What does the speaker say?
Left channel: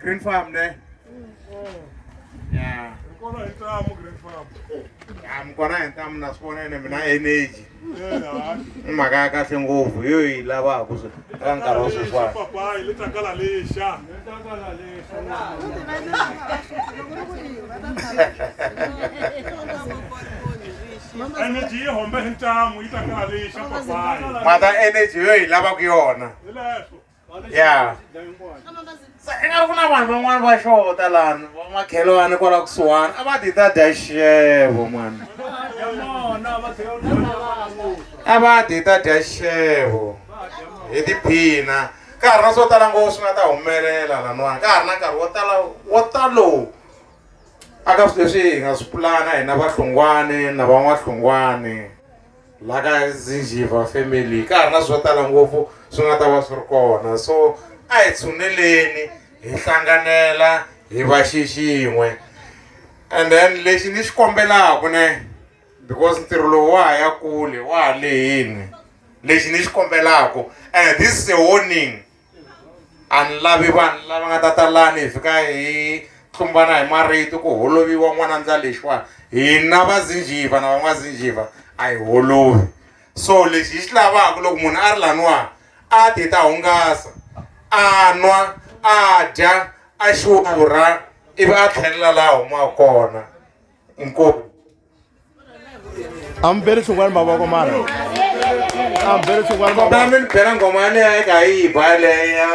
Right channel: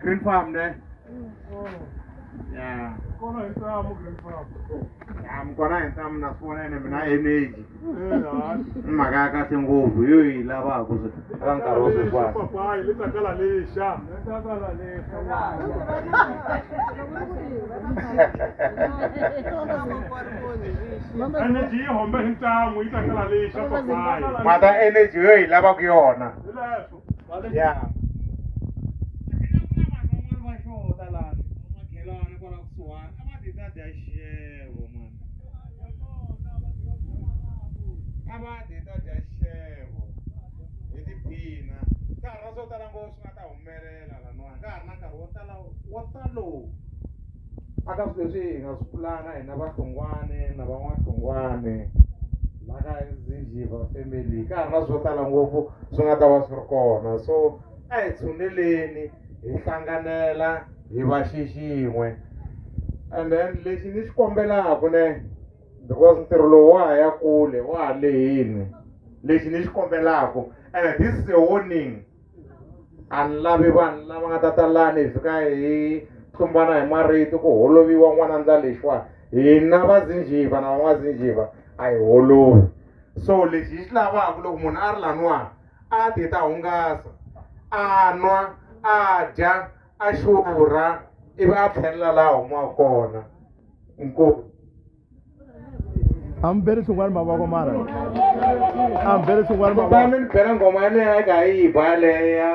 Green farm there. Yeah. I'm gonna tell them na energy. Magaga ngopfu yo yi lava ku ka nkarhi wa sweswi. Papa, ile takala lesha. Energy hombe hintamu itakala lesha papa. Mata energy yo yi lava ku yona. Yeah. Eka kuna vanhu van'wana va Xota lana Vamakhelwani kwala kusuhani a va ti ta dya Xixevo mwana. A va ti ta dya Xixevo hi tiphina ka ha ri na swo tala ngopfu swi nga ta humelela laniwani ka ha ri na nkarhi wo talo aka swilo leswi hi nga swi pulana hina va Hlungwani na Vamakhelwani la ka Xixevo family ka ha ri na swo tala ngopfu swi nga ta va swi ri kona so a hi tshuneleni hi hlanganela hi va xixin'we and then lexi ni xi kombelaka ne because ntirho lowu wa ha ya kule wa ha lehini lexi ni xi kombelaka and this is a warning a ni lavi vanhu lava nga ta talani hi fika hi tlumbana hi marito ku holoviwa n'wanandza lexiwa hina va Xixevo na van'waXixevo a hi holovi so lexi hi xi lavaka loko munhu a ri laniwa a ti ta hungasa a nwa a dya a xurha ivi a tlhelela laha humaka kona inkomu. I'm very sure I'm very sure I'm very sure I'm bela ngoma leyi ka yi ba leya